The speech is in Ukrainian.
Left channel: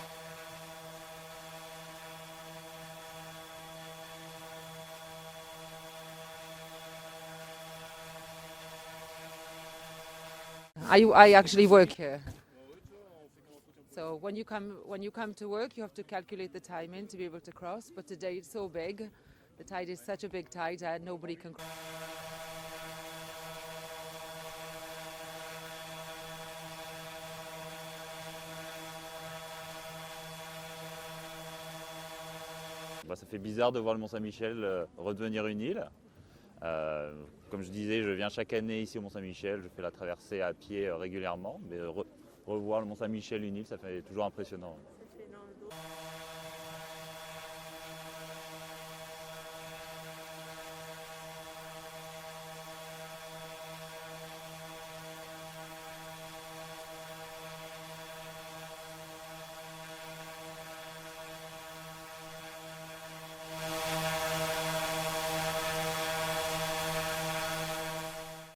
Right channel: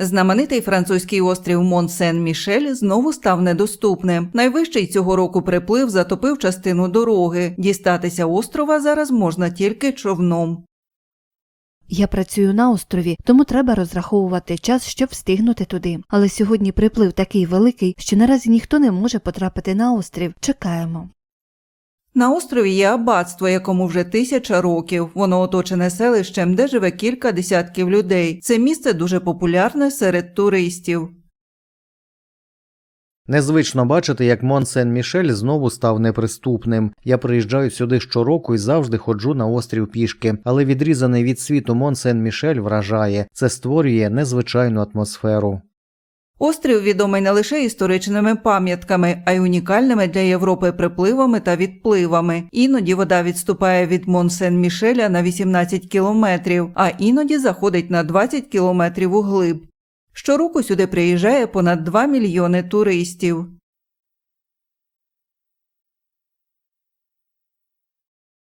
Знаменитий французький острів Мон-Сен-Мішель знову став недоступним. Найвищий цього року приплив затопив частину дороги. Дістатися острова зараз можна тільки човном. Я працюю на острові, тому треба розраховувати час, щоб встигнути туди. Але сьогодні приплив такий великий, що наразі ніхто не може потрапити на острів. Чекаємо. На острові є аббатство, якому вже тисяча років. Воно оточене селищем, де живе кілька десятків людей. Це місце дуже популярне серед туристів. Незвично бачити, як Мон Сен-Мішель знову став неприступним. Я приїжджаю сюди щороку і завжди ходжу на острів пішки, але відрізаний від світу Мон Сен-Мішель вражає. Це створює незвичайну атмосферу. Острів відомий не лише історичними пам'ятками, а й унікальними для Європи припливами та відпливами. Іноді вода відступає від Мон-Сен-Мішеля на 18 кілометрів, а іноді заходить на 20 кілометрів углиб. Щороку сюди приїжджає понад 2 мільйони туристів.